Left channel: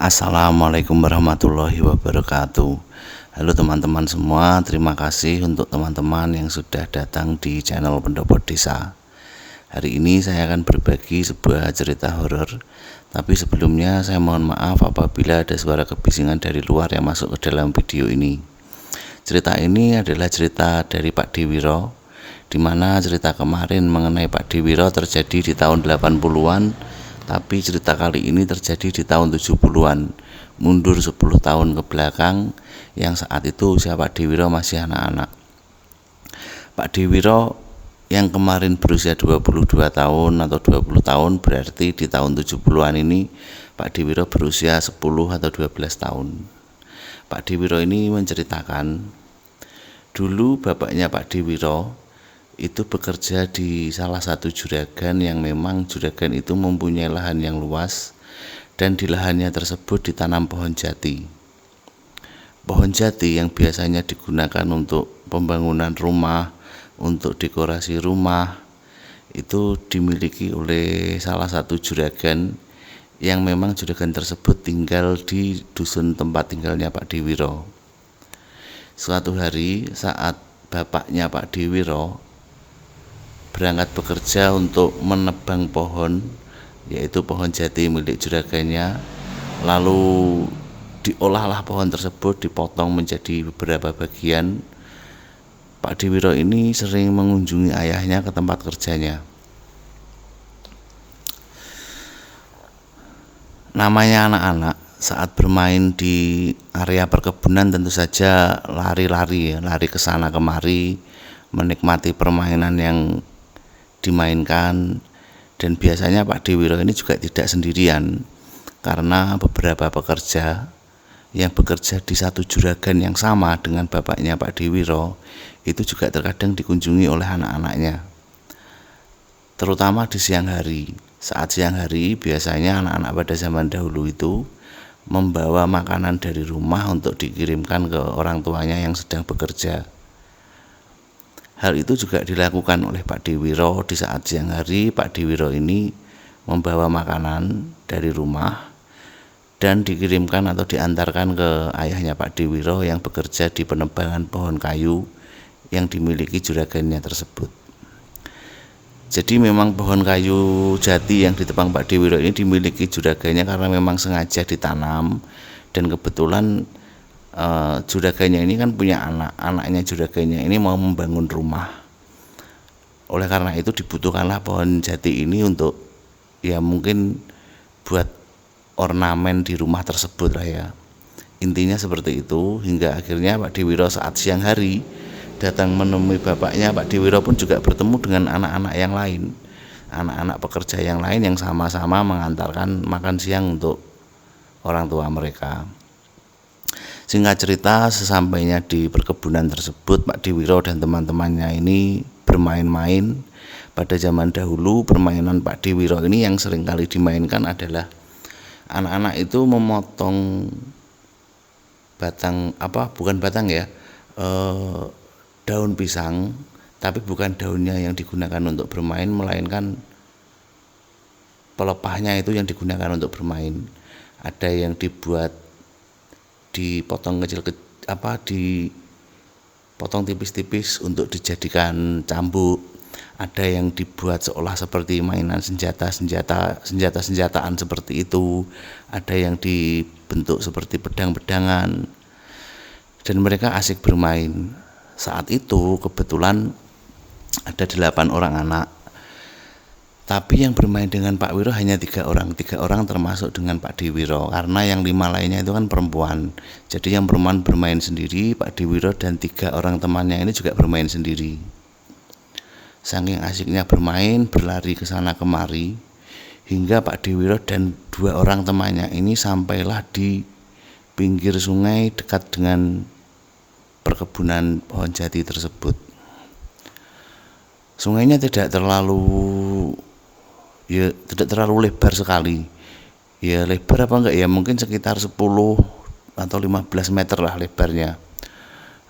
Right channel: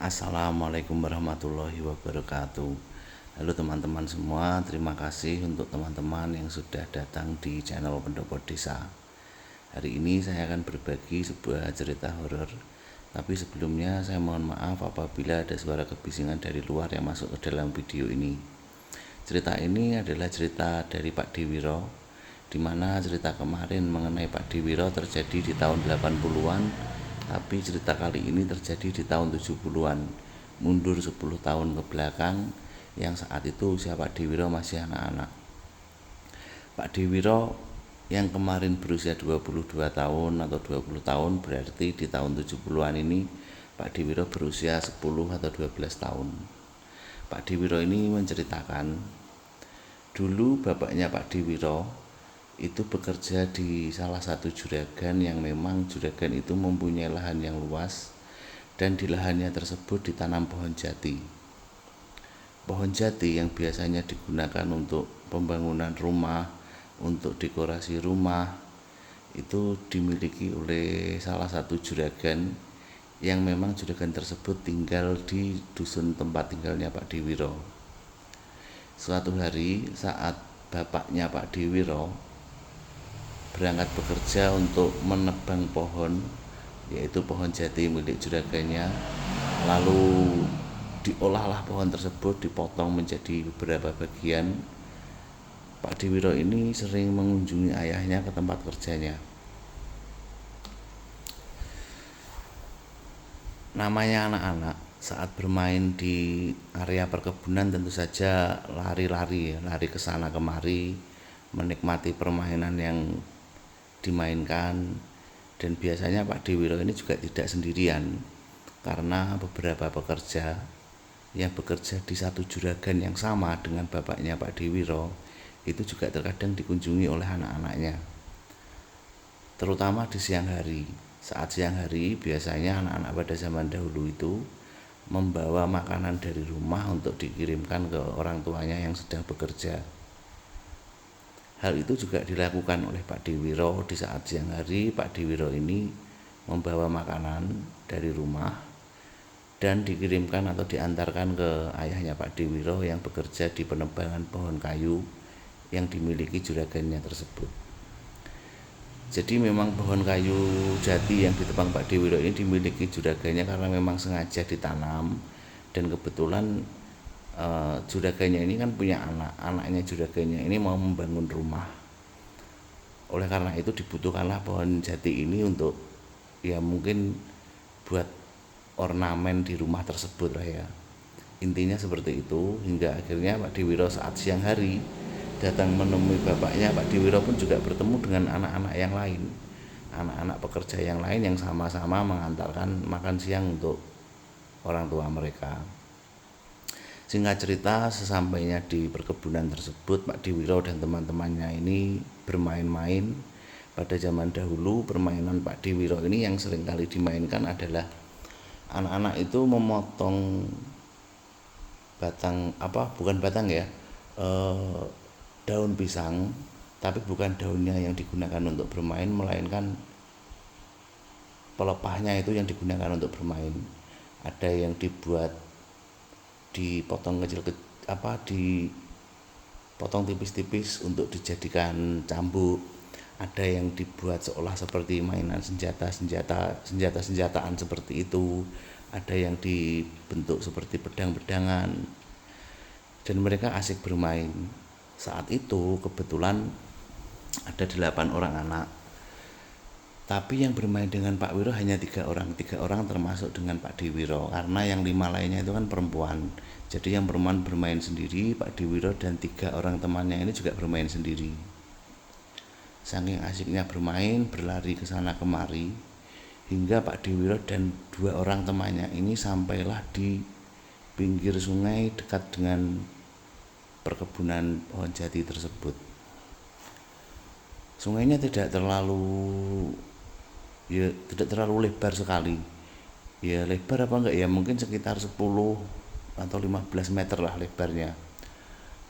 Assalamualaikum warahmatullahi wabarakatuh. Halo teman-teman semua, terima kasih untuk teman-teman yang sudah datang di channel Pendopo Desa. Hari ini saya akan berbagi sebuah cerita horor. Tapi sebelumnya saya mohon maaf apabila ada suara kebisingan dari luar yang masuk ke dalam video ini. Cerita ini adalah cerita dari Pak Diwiro, di mana cerita kemarin mengenai Pak Diwiro terjadi di tahun 80-an. Tapi cerita kali ini terjadi di tahun 70-an, mundur 10 tahun ke belakang, yang saat itu usia Pak Diwiro masih anak-anak. Pak Diwiro yang kemarin berusia 22 tahun atau 20 tahun, berarti di tahun 70-an ini Pak Diwiro berusia 10 atau 12 tahun. Pak Diwiro ini menceritakan, dulu bapaknya Pak Diwiro itu bekerja di salah satu juragan yang memang juragan itu mempunyai lahan yang luas, dan di lahannya tersebut ditanam pohon jati. Pohon jati yang biasanya digunakan untuk pembangunan rumah, untuk dekorasi rumah, itu dimiliki oleh salah satu juragan yang memang juragan tersebut tinggal di dusun tempat tinggalnya Pak Diwiro. Suatu hari saat bapaknya Pak Diwiro berangkat bekerja untuk menebang pohon, yaitu pohon jati milik juragannya, lalu diolahlah pohon tersebut, dipotong menjadi beberapa bagian. Pak Diwiro ini sering mengunjungi ayahnya ke tempat kerjanya. Namanya anak-anak, saat bermain di area perkebunan tentu saja lari-lari ke sana kemari, menikmati permainan yang dimainkan. Dan biasanya Pak Diwiro ini juga tidak sendirian, karena beberapa pekerja yang bekerja di satu juragan yang sama dengan bapaknya Pak Diwiro itu juga terkadang dikunjungi oleh anak-anaknya, terutama di siang hari. Saat siang hari biasanya anak-anak pada zaman dahulu itu membawa makanan dari rumah untuk dikirimkan ke orang tuanya yang sedang bekerja. Hal itu juga dilakukan oleh Pak Diwiro. Di saat siang hari, Pak Diwiro ini membawa makanan dari rumah dan dikirimkan atau diantarkan ke ayahnya Pak Diwiro yang bekerja di penebangan pohon kayu yang dimiliki juragannya tersebut. Jadi memang pohon kayu jati yang ditebang Pak Diwiro ini dimiliki juragannya karena memang sengaja ditanam, dan kebetulan juragannya ini kan punya anaknya juragannya ini mau membangun rumah. Oleh karena itu dibutuhkanlah pohon jati ini untuk ya mungkin buat ornamen di rumah tersebut lah ya. Intinya seperti itu, hingga akhirnya Pak Diwiro saat siang hari datang menemui bapaknya. Pak Diwiro pun juga bertemu dengan anak-anak yang lain, anak-anak pekerja yang lain yang sama-sama mengantarkan makan siang untuk orang tua mereka. Singkat cerita, sesampainya di perkebunan tersebut, Pak Diwiro dan teman-temannya ini bermain-main. Pada zaman dahulu, permainan Pak Diwiro ini yang seringkali dimainkan adalah anak-anak itu memotong daun pisang, tapi bukan daunnya yang digunakan untuk bermain, melainkan pelepahnya itu yang digunakan untuk bermain. Ada yang dipotong dipotong tipis-tipis untuk dijadikan cambuk. Ada yang dibuat seolah seperti mainan senjata-senjataan seperti itu. Ada yang dibentuk seperti pedang-pedangan, dan mereka asik bermain. Saat itu kebetulan ada 8 orang anak, tapi yang bermain dengan Pak Wiro hanya 3 orang termasuk dengan Pak Diwiro, karena yang 5 lainnya itu kan perempuan. Jadi yang perempuan bermain sendiri, Pak Diwiro dan 3 orang temannya ini juga bermain sendiri. Saking asiknya bermain, berlari ke sana kemari, hingga Pak Diwiro dan 2 orang temannya ini sampailah di pinggir sungai dekat dengan perkebunan pohon jati tersebut. Sungainya tidak terlalu lebar sekali. Ya lebar apa enggak ya, mungkin sekitar 10 atau 15 meter lah lebarnya.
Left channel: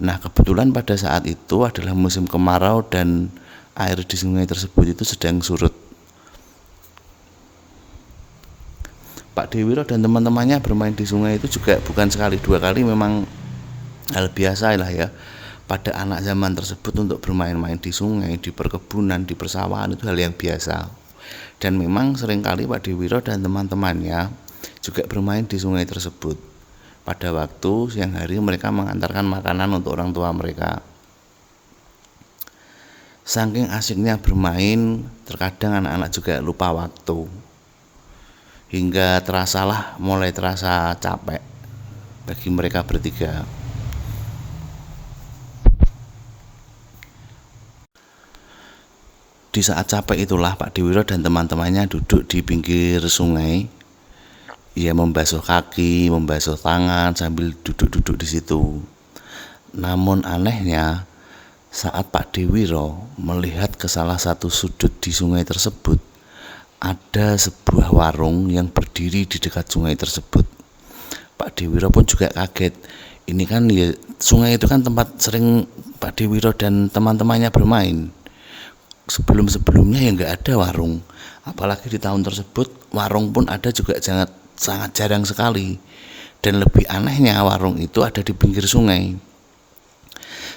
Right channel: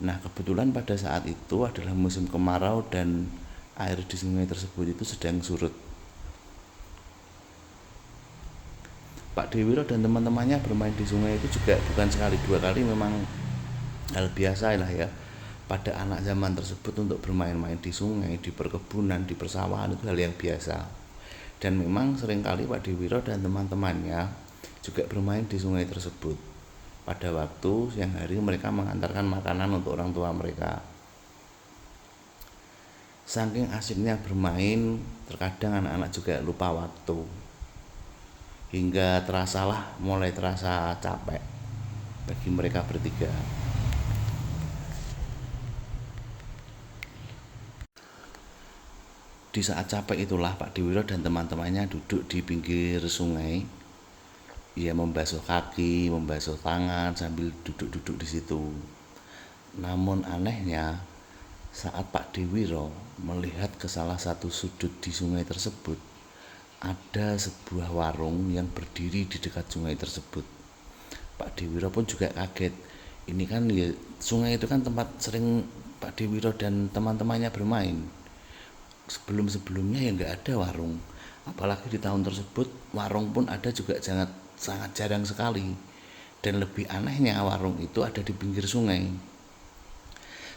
Nah, kebetulan pada saat itu adalah musim kemarau dan air di sungai tersebut itu sedang surut. Pak Dewiro dan teman-temannya bermain di sungai itu juga bukan sekali dua kali, memang hal biasa lah ya pada anak zaman tersebut untuk bermain-main di sungai, di perkebunan, di persawahan, itu hal yang biasa. Dan memang seringkali Pak Dewiro dan teman-temannya juga bermain di sungai tersebut. Pada waktu siang hari mereka mengantarkan makanan untuk orang tua mereka. Saking asiknya bermain, terkadang anak-anak juga lupa waktu. Hingga mulai terasa capek bagi mereka bertiga. Di saat capek itulah Pak Dewiro dan teman-temannya duduk di pinggir sungai. Ia membasuh kaki, membasuh tangan sambil duduk-duduk di situ. Namun anehnya, saat Pak Dewiro melihat ke salah satu sudut di sungai tersebut, ada sebuah warung yang berdiri di dekat sungai tersebut. Pak Dewiro pun juga kaget. Ini kan ya, sungai itu kan tempat sering Pak Dewiro dan teman-temannya bermain. Sebelum-sebelumnya ya nggak ada warung. Apalagi di tahun tersebut warung pun ada juga sangat jarang sekali. Dan lebih anehnya warung itu ada di pinggir sungai.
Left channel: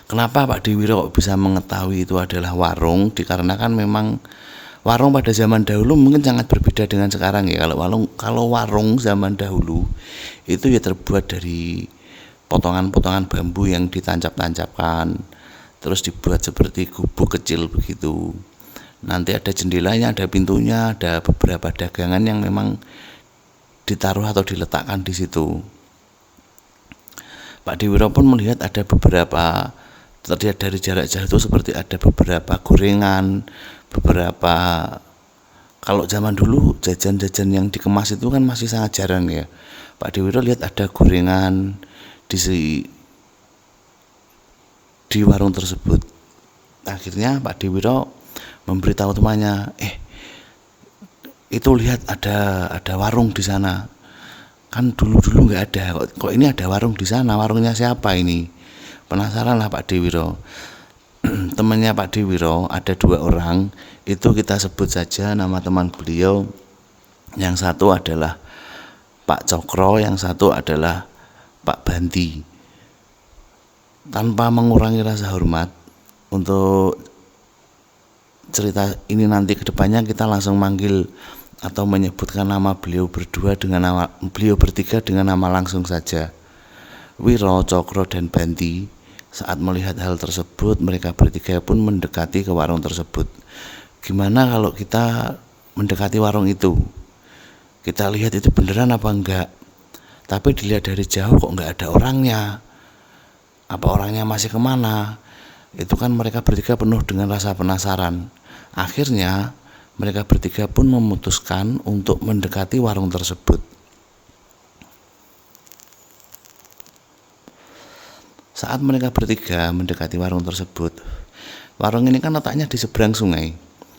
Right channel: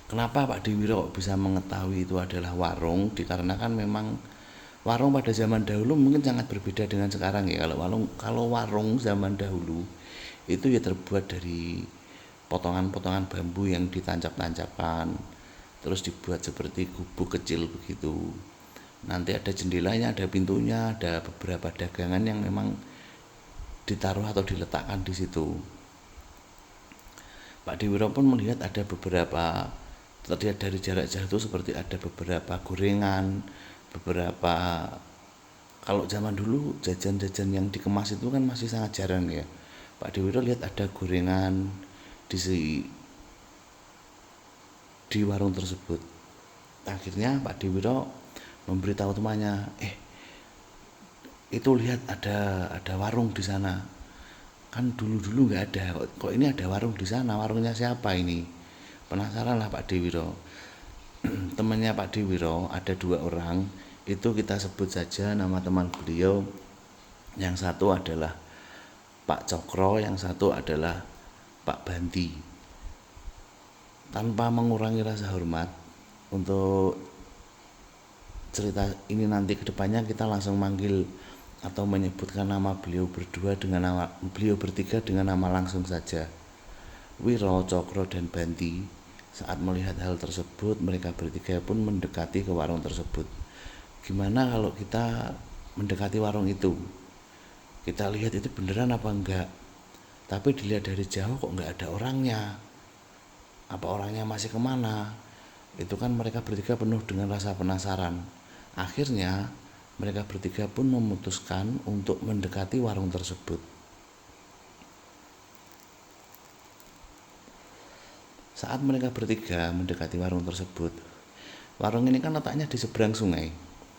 Kenapa Pak Dewiro bisa mengetahui itu adalah warung? Dikarenakan memang warung pada zaman dahulu mungkin sangat berbeda dengan sekarang ya. Kalau warung zaman dahulu itu ya terbuat dari potongan-potongan bambu yang ditancap-tancapkan, terus dibuat seperti gubuk kecil begitu. Nanti ada jendelanya, ada pintunya, ada beberapa dagangan yang memang ditaruh atau diletakkan di situ. Pak Dewiro pun melihat ada beberapa, terlihat dari jarak jauh itu seperti ada beberapa gorengan, beberapa, kalau zaman dulu jajan-jajan yang dikemas itu kan masih sangat jarang ya. Pak Dewiro lihat ada gorengan di warung tersebut. Akhirnya Pak Dewiro memberitahu temannya, itu lihat ada warung di sana. Kan dulu nggak ada, kok ini ada warung di sana, warungnya siapa ini? Penasaran lah Pak Dewiro. Temannya Pak Dewiro ada 2 orang, itu kita sebut saja nama teman beliau. Yang satu adalah Pak Cokro, yang satu adalah Pak Banti. Tanpa mengurangi rasa hormat, untuk cerita ini nanti kedepannya kita langsung manggil atau menyebutkan nama beliau bertiga dengan nama langsung saja. Wiro, Cokro, dan Banti. Saat melihat hal tersebut, mereka bertiga pun mendekati ke warung tersebut. Gimana kalau kita mendekati warung itu? Kita lihat itu beneran apa enggak? Tapi dilihat dari jauh kok enggak ada orangnya. Apa orangnya masih kemana? Itu kan mereka bertiga penuh dengan rasa penasaran. Akhirnya mereka bertiga pun memutuskan untuk mendekati warung tersebut. Saat mereka bertiga mendekati warung tersebut, warung ini kan letaknya di seberang sungai.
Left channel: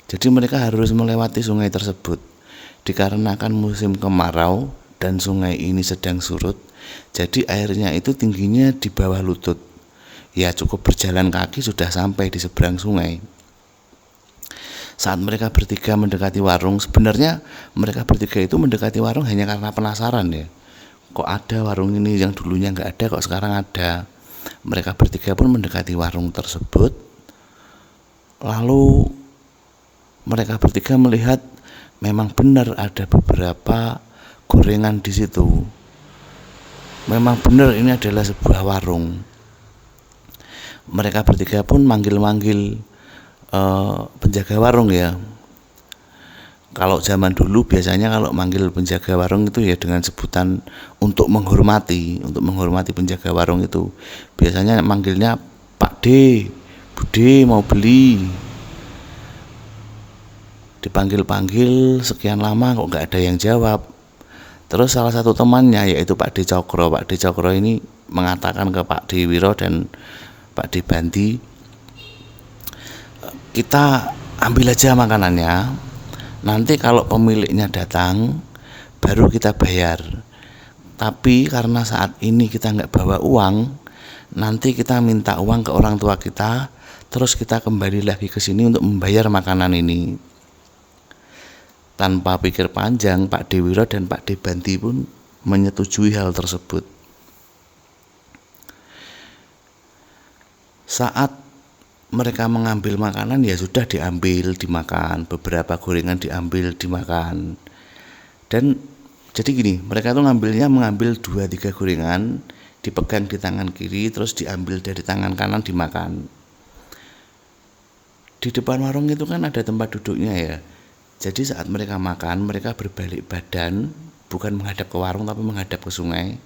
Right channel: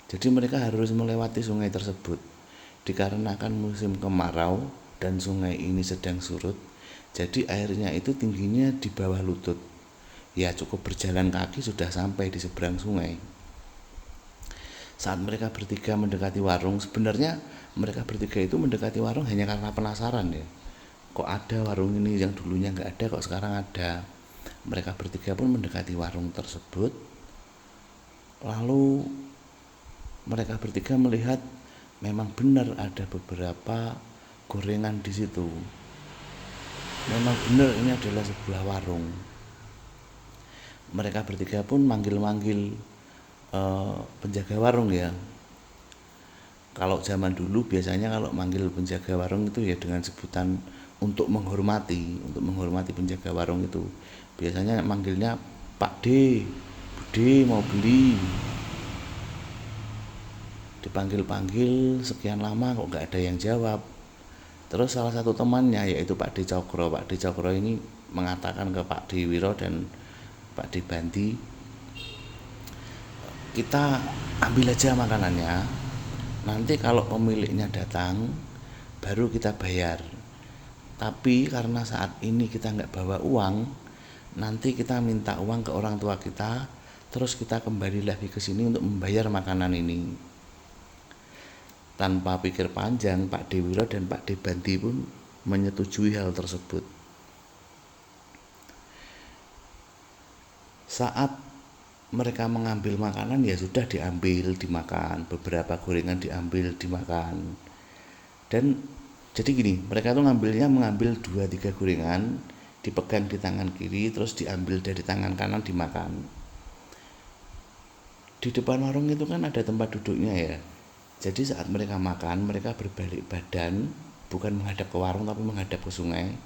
Jadi mereka harus melewati sungai tersebut. Dikarenakan musim kemarau dan sungai ini sedang surut, jadi airnya itu tingginya di bawah lutut. Ya cukup berjalan kaki sudah sampai di seberang sungai. Saat mereka bertiga mendekati warung, sebenarnya mereka bertiga itu mendekati warung hanya karena penasaran ya. Kok ada warung ini yang dulunya nggak ada, kok sekarang ada. Mereka bertiga pun mendekati warung tersebut. Lalu mereka bertiga melihat memang benar ada beberapa gorengan di situ. Memang benar ini adalah sebuah warung. Mereka bertiga pun manggil-manggil penjaga warung ya. Kalau zaman dulu biasanya kalau manggil penjaga warung itu ya dengan sebutan untuk menghormati penjaga warung itu. Biasanya manggilnya Pak D, Bude mau beli. Dipanggil-panggil sekian lama kok nggak ada yang jawab. Terus salah satu temannya yaitu Pak D Cokro. Pak D Cokro ini mengatakan ke Pak Dewiro dan Pak D Banti, kita ambil aja makanannya, nanti kalau pemiliknya datang baru kita bayar. Tapi karena saat ini kita nggak bawa uang, nanti kita minta uang ke orang tua kita, terus kita kembali lagi ke sini untuk membayar makanan ini. Tanpa pikir panjang, Pak Dewiro dan Pak Debanti pun menyetujui hal tersebut. Saat mereka mengambil makanan, ya sudah diambil dimakan, beberapa gorengan diambil dimakan. Dan jadi gini, mereka tuh mengambil 2-3 gorengan, dipegang di tangan kiri, terus diambil dari tangan kanan dimakan. Di depan warung itu kan ada tempat duduknya ya. Jadi saat mereka makan, mereka berbalik badan, bukan menghadap ke warung tapi menghadap ke sungai.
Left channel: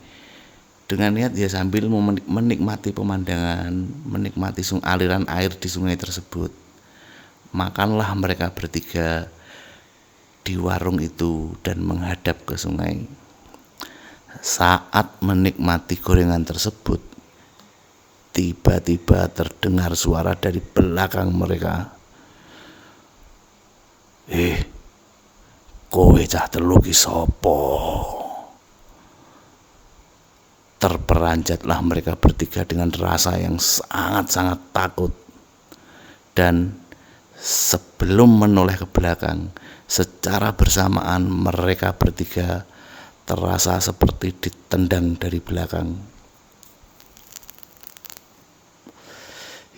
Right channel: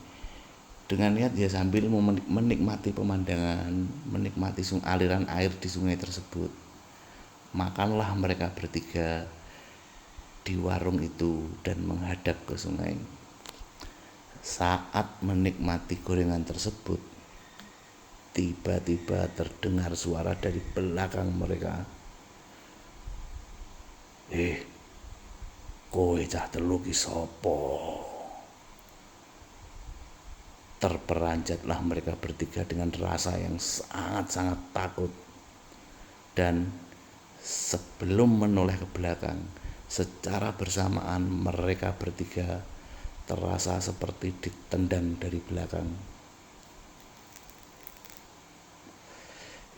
Dengan niat ya sambil menikmati pemandangan, menikmati aliran air di sungai tersebut. Makanlah mereka bertiga di warung itu dan menghadap ke sungai. Saat menikmati gorengan tersebut, tiba-tiba terdengar suara dari belakang mereka. Kowe cah telu ki sapa? Terperanjatlah mereka bertiga dengan rasa yang sangat-sangat takut. Dan sebelum menoleh ke belakang, secara bersamaan mereka bertiga terasa seperti ditendang dari belakang.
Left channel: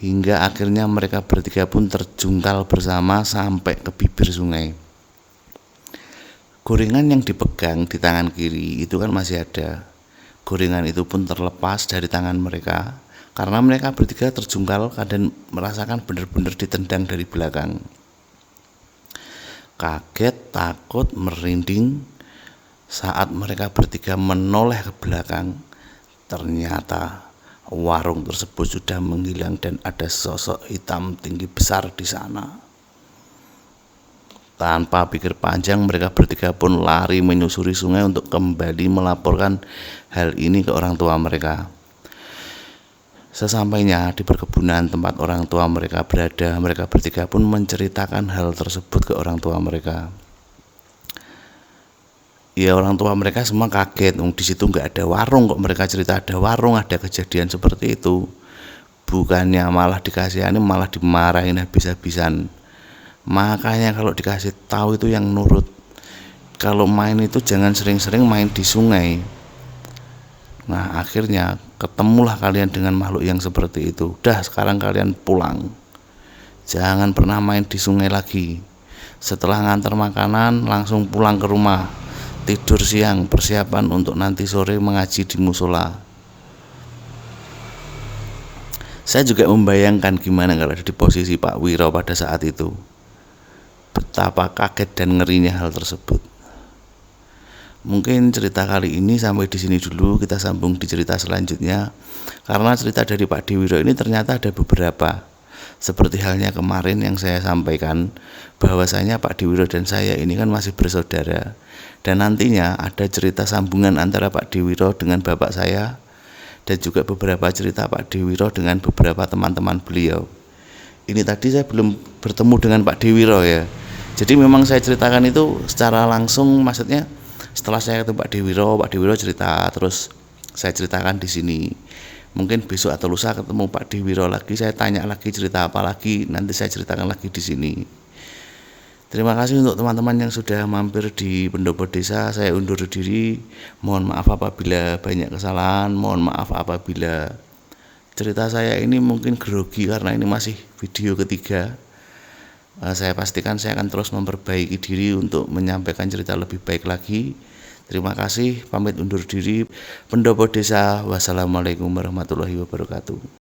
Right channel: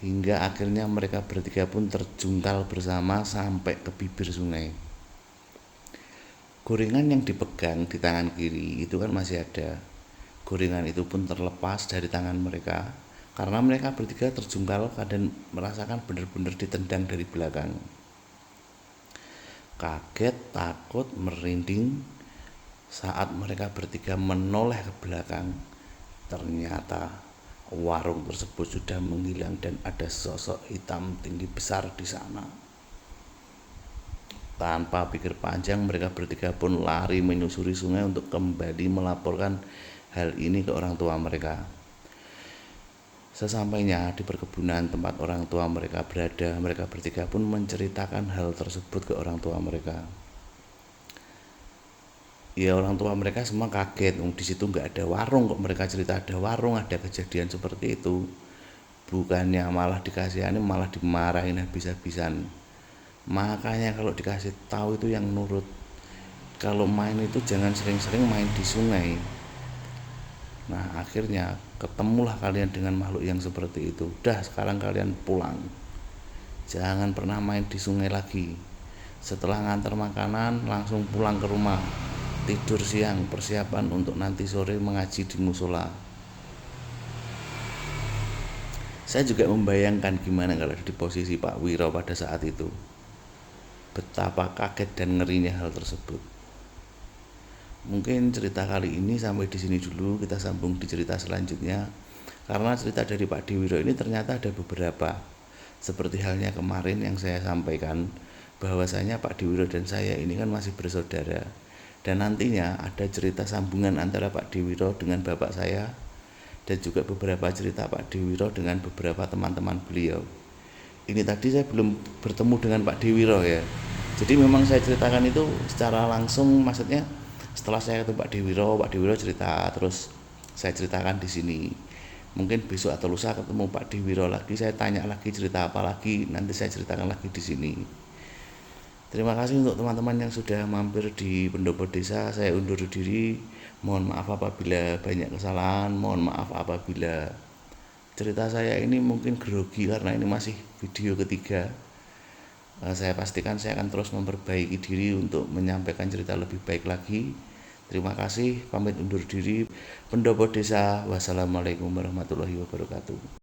Hingga akhirnya mereka bertiga pun terjungkal bersama sampai ke bibir sungai. Gorengan yang dipegang di tangan kiri itu kan masih ada. Gorengan itu pun terlepas dari tangan mereka karena mereka bertiga terjungkal dan merasakan benar-benar ditendang dari belakang. Kaget, takut, merinding saat mereka bertiga menoleh ke belakang. Ternyata warung tersebut sudah menghilang dan ada sosok hitam tinggi besar di sana. Tanpa pikir panjang, mereka bertiga pun lari menyusuri sungai untuk kembali melaporkan hal ini ke orang tua mereka. Sesampainya di perkebunan tempat orang tua mereka berada, mereka bertiga pun menceritakan hal tersebut ke orang tua mereka. Ya orang tua mereka semua kaget, di situ nggak ada warung, kok mereka cerita ada warung, ada kejadian seperti itu. Bukannya malah dikasihani, malah dimarahin habis-habisan. Makanya kalau dikasih tahu itu yang nurut. Kalau main itu jangan sering-sering main di sungai. Nah akhirnya ketemulah kalian dengan makhluk yang seperti itu. Udah sekarang kalian pulang, jangan pernah main di sungai lagi. Setelah ngantar makanan langsung pulang ke rumah, tidur siang, persiapan untuk nanti sore mengaji di musola. Saya juga membayangkan gimana kalau ada di posisi Pak Wiro pada saat itu. Betapa kaget dan ngerinya hal tersebut. Mungkin cerita kali ini sampai di sini dulu, kita sambung di cerita selanjutnya. Karena cerita dari Pak Dewiro ini ternyata ada beberapa. Seperti halnya kemarin yang saya sampaikan, bahwasanya Pak Dewiro dan saya ini kan masih bersaudara. Dan nantinya ada cerita sambungan antara Pak Dewiro dengan bapak saya, dan juga beberapa cerita Pak Dewiro dengan beberapa teman-teman beliau. Ini tadi saya belum bertemu dengan Pak Dewiro ya. Jadi memang saya ceritakan itu secara langsung, maksudnya setelah saya ketemu Pak Dewiro cerita, terus saya ceritakan di sini. Mungkin besok atau lusa ketemu Pak Dewiro lagi, saya tanya lagi cerita apa lagi, nanti saya ceritakan lagi di sini. Terima kasih untuk teman-teman yang sudah mampir di Pendopo Desa. Saya undur diri. Mohon maaf apabila banyak kesalahan. Mohon maaf apabila cerita saya ini mungkin grogi karena ini masih video ketiga. Saya pastikan saya akan terus memperbaiki diri untuk menyampaikan cerita lebih baik lagi. Terima kasih. Pamit undur diri. Pendopo Desa. Wassalamualaikum warahmatullahi wabarakatuh.